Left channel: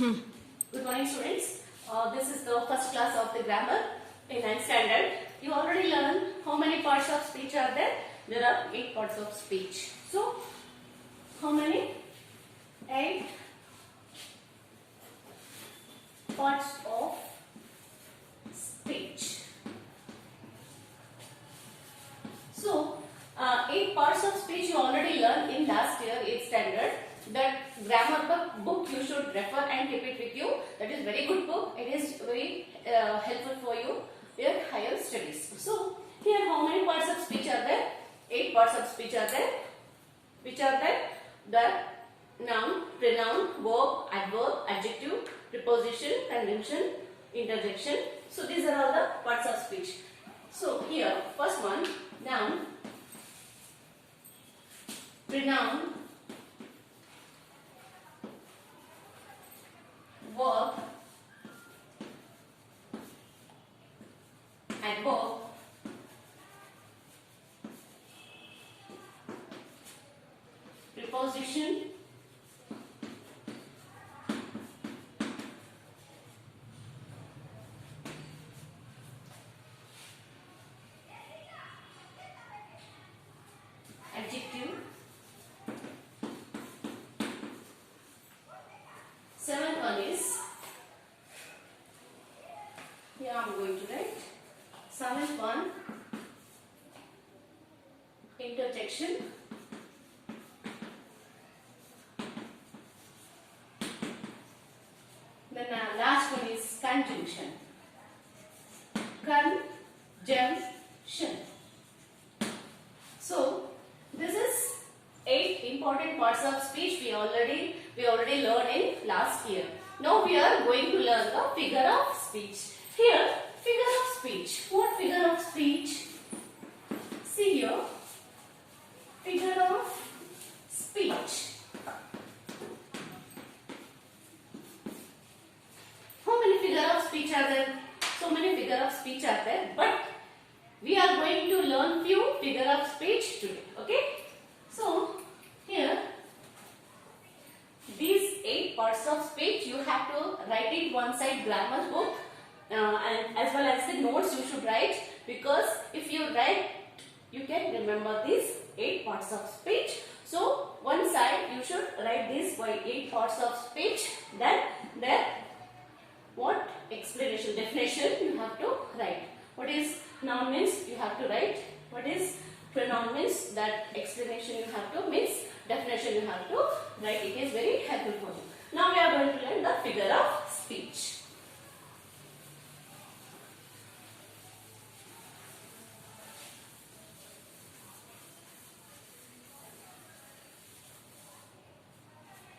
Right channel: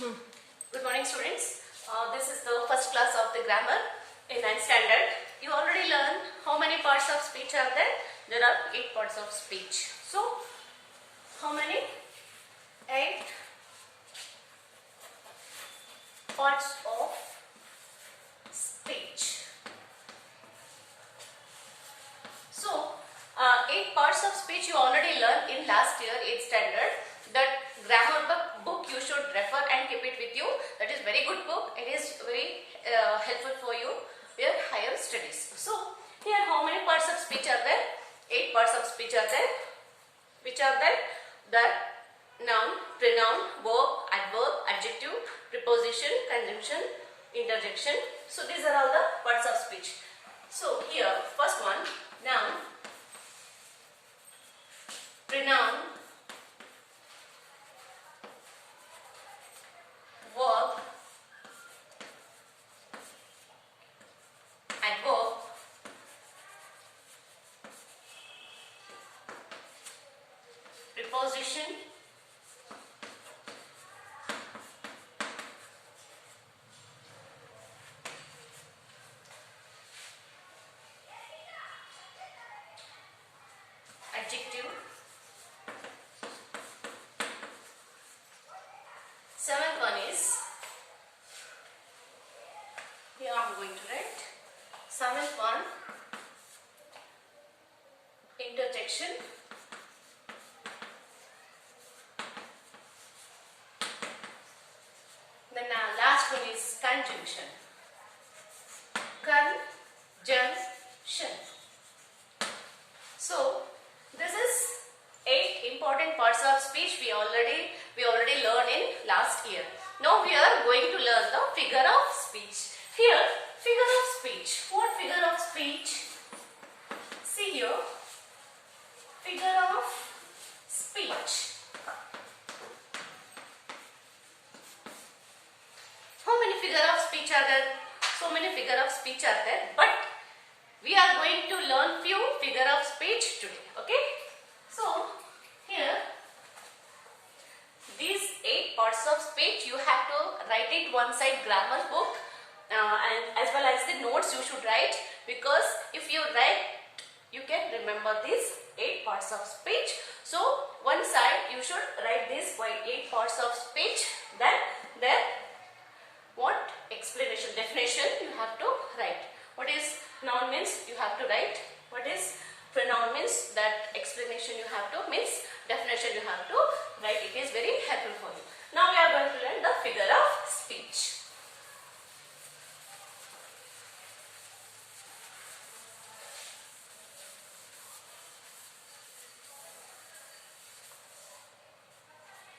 Good morning, students. This is the first class of the grammar in 9th standard. You already learned how many parts of speech are there? There are 8 parts of speech. So, how many? 8 parts of speech. So, 8 parts of speech you already learned in last year 8th standard. That grammar book you should refer and keep it with you. That is very good book. It is very helpful for you your higher studies. So here how many parts of speech are there? 8 parts of speech are there. Which are there? The noun, pronoun, verb, adverb, adjective, preposition, conjunction, interjection. So these are all the parts of speech. So here first one, noun, pronoun, verb, adverb, preposition, adjective. 7th one is, here I am going to write 7th one, interjection. Then last one is conjunction. Conjunction. So this is 8 important parts of speech we already learned in last year. Now we are going to learn the figure of speech. Here, figure of speech. What figure of speech? See here, figure of speech. How many figure of speech are there? So many figure of speech are there, but we are going to learn few figure of speech today. Okay? So here, these 8 parts of speech you have to write it one side grammar book and as well as the notes you should write, because if you write you can remember these 8 parts of speech. So one side you should write these 8 parts of speech, then there what explanation, definition you have to write. What is noun means you have to write. What is pronoun means that explanation you have to, means definition you have to write. It is very helpful for you. Now we are going to learn the figure of speech.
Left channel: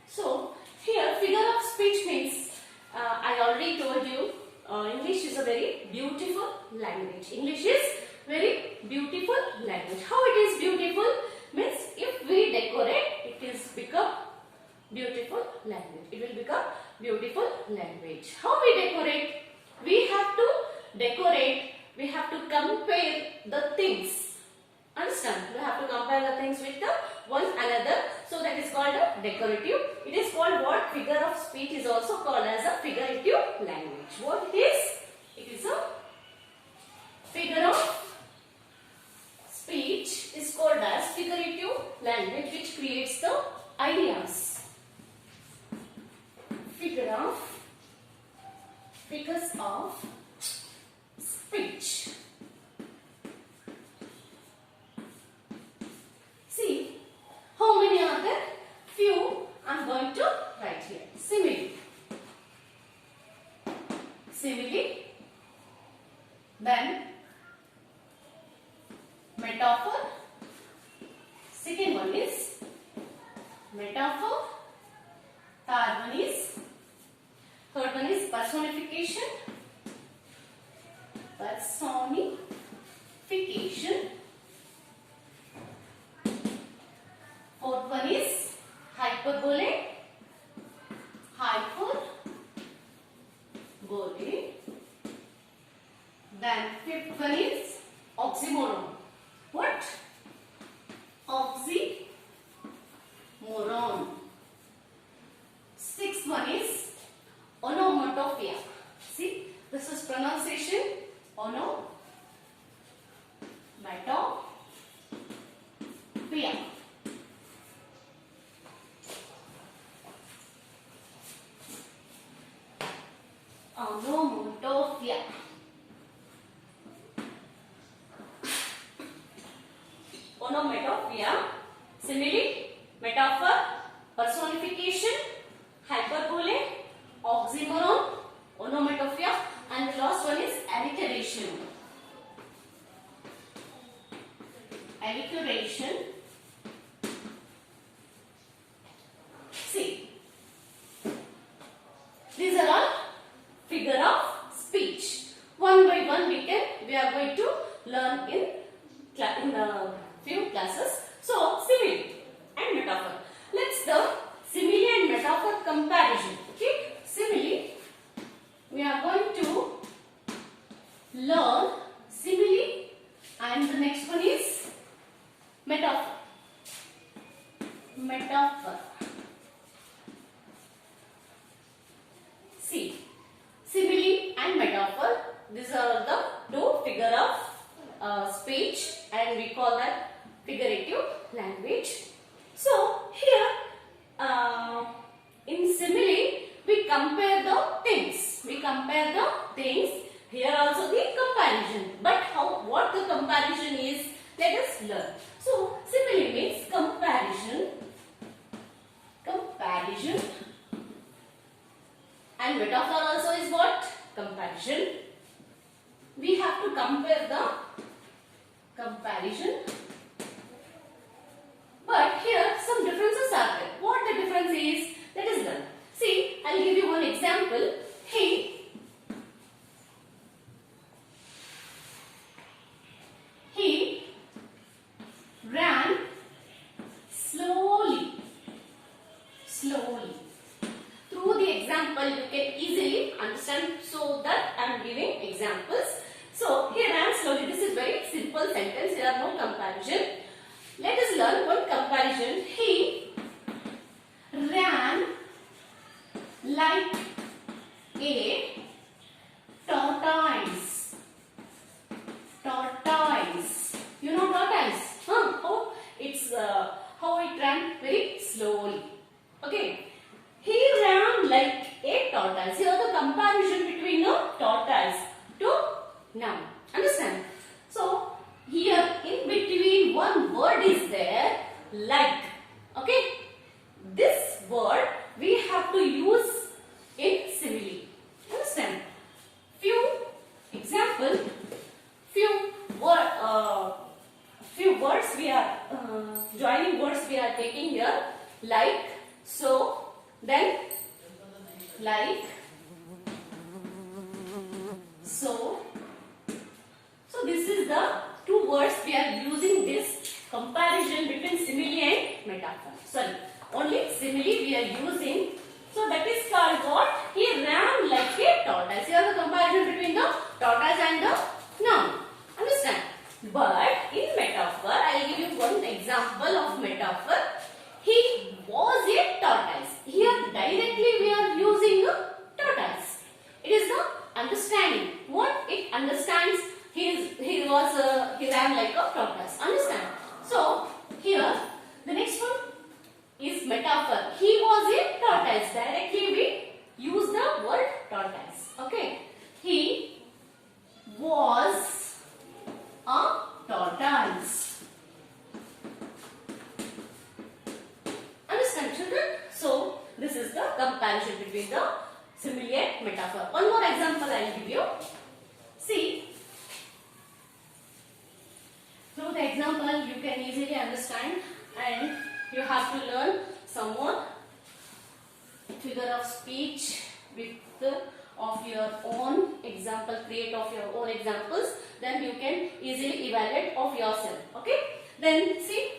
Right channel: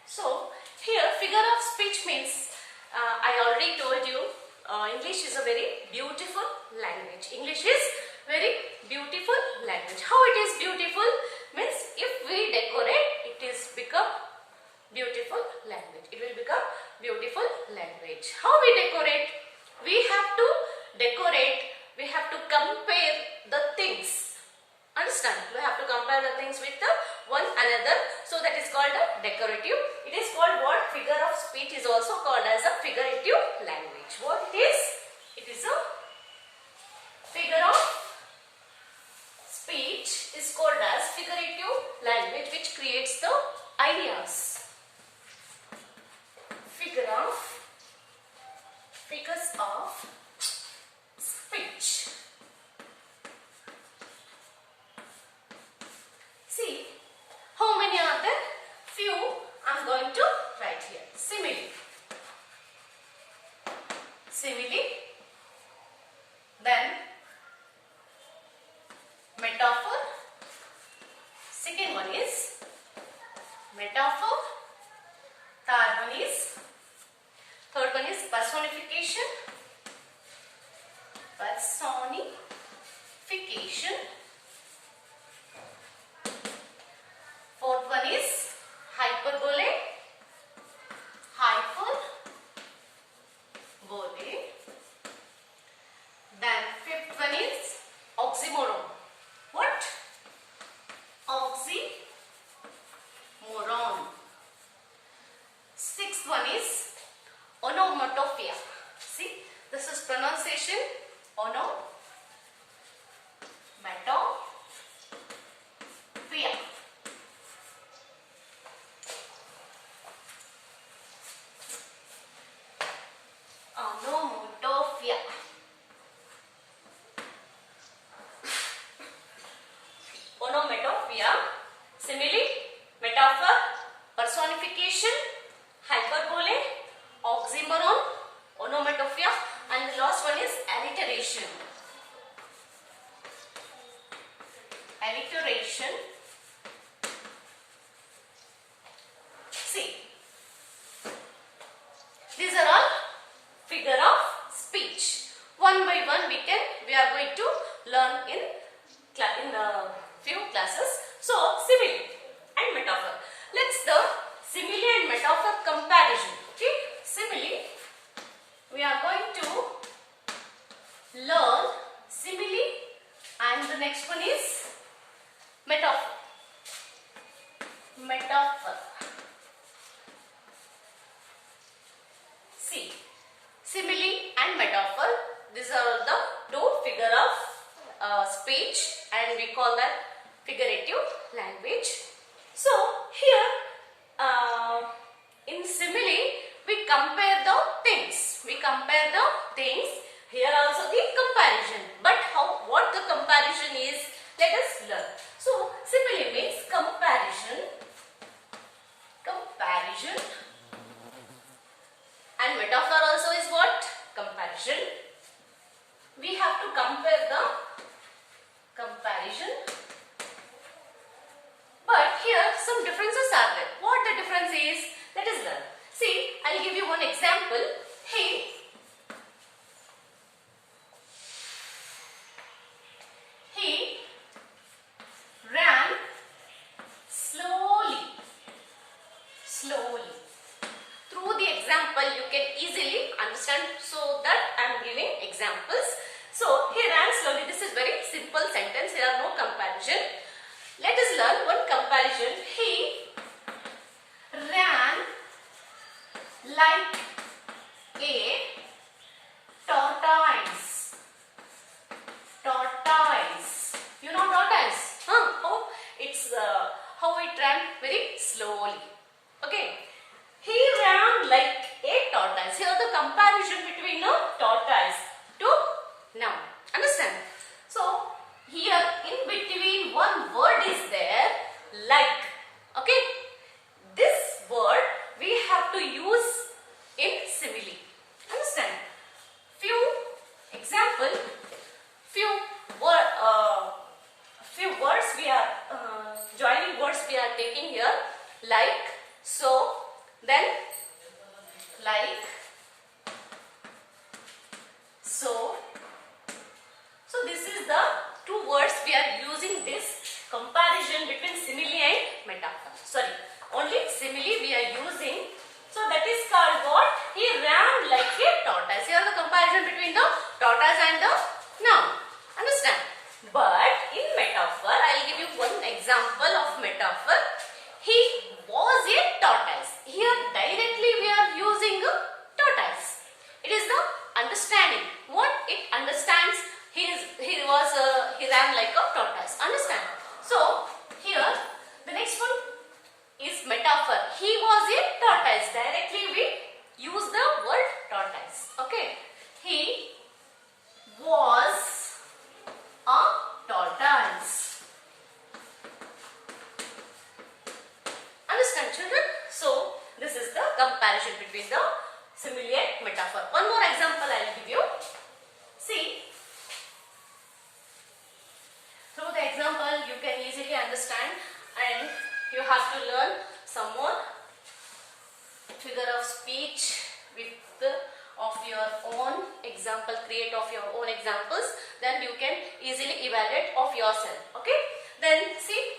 So here figure of speech means, I already told you, English is a very beautiful language. English is very beautiful language. How it is beautiful? Means if we decorate, it is become beautiful language. It will become beautiful language. How we decorate? We have to decorate. We have to compare the things. Understand? We have to compare the things with the one another. So that is called a decorative. It is called what? Figure of speech is also called as a figurative language. What it is? It is a figure of speech is called as figurative language which creates the ideas. Figures of speech. See, how many are there? Few I am going to write here. Simile. Simile. Then metaphor. Second one is metaphor. Third one is personification. Personification. Fourth one is hyperbole. Hyperbole. Then fifth one is oxymoron. What? Oxymoron. Sixth one is pronunciation onomatopoeia. Onomatopoeia. Onomatopoeia, simile, metaphor, personification, hyperbole, oxymoron, onomatopoeia, and the last one is alliteration. Alliteration. See, these are all figure of speech. One by one we are going to learn in the few classes. So, simile and metaphor. Let's the simile and metaphor comparison. Okay, simile. We are going to learn simile, and the next one is metaphor. Metaphor. See, simile and metaphor. These are the two figure of speech, and we call that figurative language. So here in simile we compare the things. We compare the things. Here also the comparison. But what the comparison is, let us learn. So simile means comparison. Comparison. And metaphor also is what? Comparison. We have to compare the comparison. But here some differences are there. What the difference is? Let us learn. See, I'll give you one example. He ran slowly. Slowly. Through the example you can easily understand, so that I am giving examples. So he ran slowly. This is very simple sentence. There are no comparison. Let us learn one comparison. He ran like a tortoise. Tortoise. You know tortoise? Oh, it's how it ran very slowly. Okay. He ran like a tortoise. Here the comparison between a tortoise to noun. Understand? So here in between one word is there, like. Okay. This word we have to use in simile. Understand? Few example. Few words we are joining words we are taking here, like, so, then like, so. So this is the two words we are using this comparison between simile and metaphor. Sorry, only simile we are using. So that is called what? He ran like a tortoise. Here the comparison between the tortoise and the noun. Understand? But in metaphor, I will give you one example of metaphor. He was a tortoise. Here directly we are using a tortoise. It is the understanding. What it understands, he ran like a tortoise. Understand? So here the next one is metaphor. He was a tortoise. Directly we use the word tortoise. Okay. He was a tortoise. Understand, children? So this is the comparison between the simile and metaphor. One more example I will give you. See, through the example you can easily understand, and you have to learn some more figure of speech of your own example, create of your own examples, then you can easily evaluate of yourself. Okay, then see,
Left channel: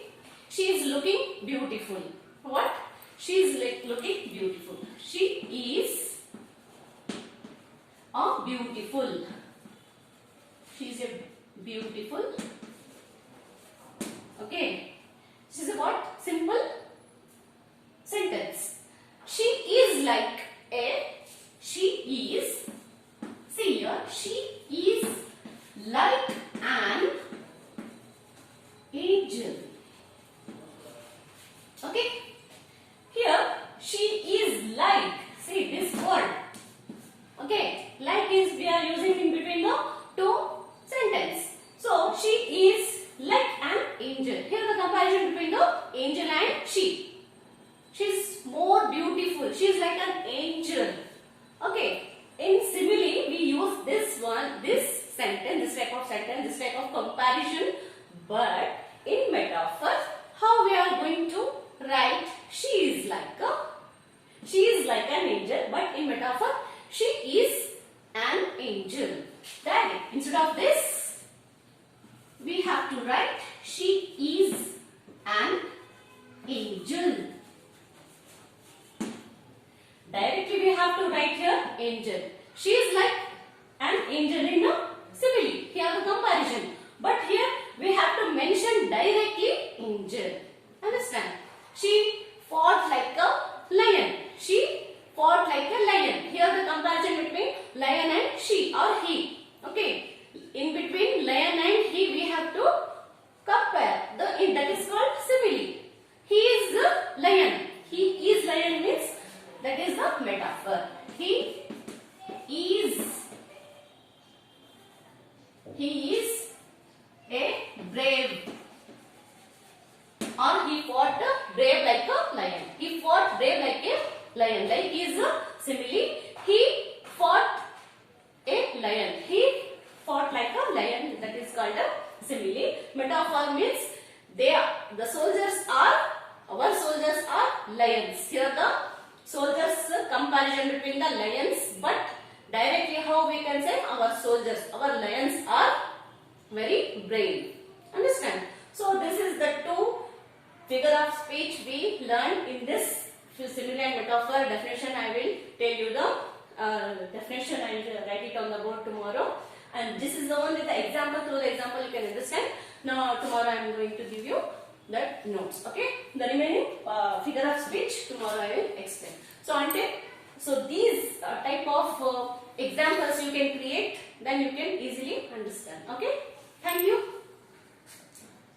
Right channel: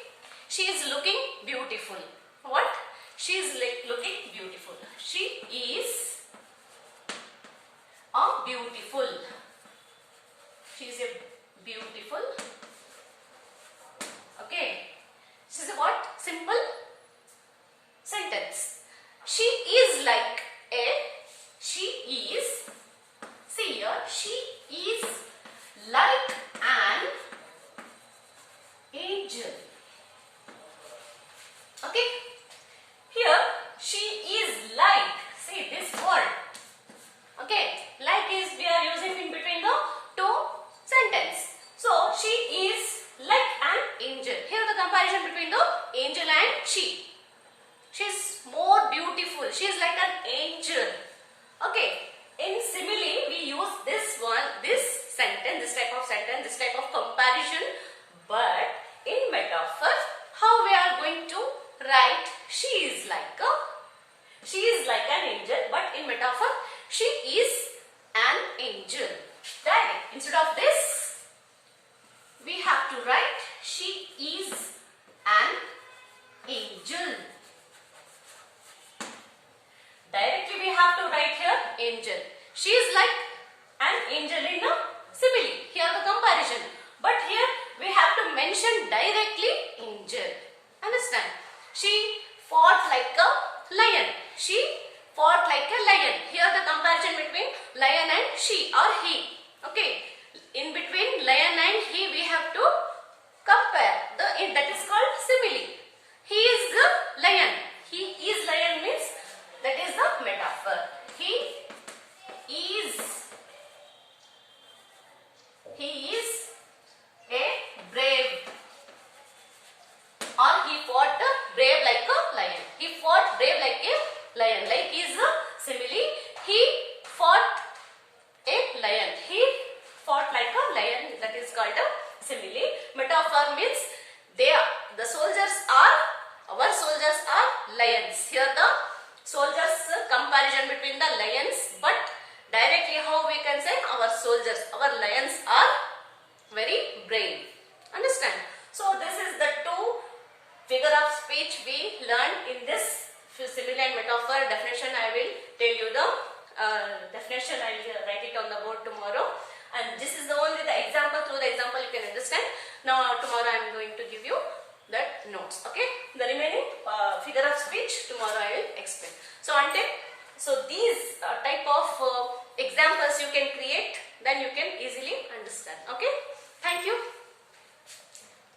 she is looking beautiful. What? She is looking beautiful. She is a beautiful. She is a beautiful. Okay, this is a what? Simple sentence. She is like a. She is. See here. She angel. Okay. In simile, we use this sentence, this type of sentence, this type of comparison. But in metaphor, how we are going to write? She is like an angel. But in metaphor, she is an angel. Right? Instead of this, we have to write she is an angel. Directly we have to write here angel. She is like an angel in a simile. Here the comparison. But here we have to mention directly angel. Understand? She fought like a lion. She fought like a lion. Here the comparison between lion and she or he. Okay. In between lion and he we have to compare. That is called simile. He is the lion. He is lion means that is the metaphor. He is a brave, or he fought brave like a lion. He fought brave like a lion. Like is a simile. He fought a lion. He fought like a lion. That is called a simile. Metaphor means our soldiers are lions. Here the soldiers comparison between the lions, but directly how we can say our lions are very brave. Understand? So this is the two figure of speech we learned in this simile and metaphor definition. I will tell you the definition. I will write it on the board tomorrow. And this is only the example. Through the example you can understand. Now tomorrow I am going to give you the notes. Okay. The remaining figure of speech tomorrow I will explain. So these type of examples you can create. Then you can easily understand. Okay. Thank you.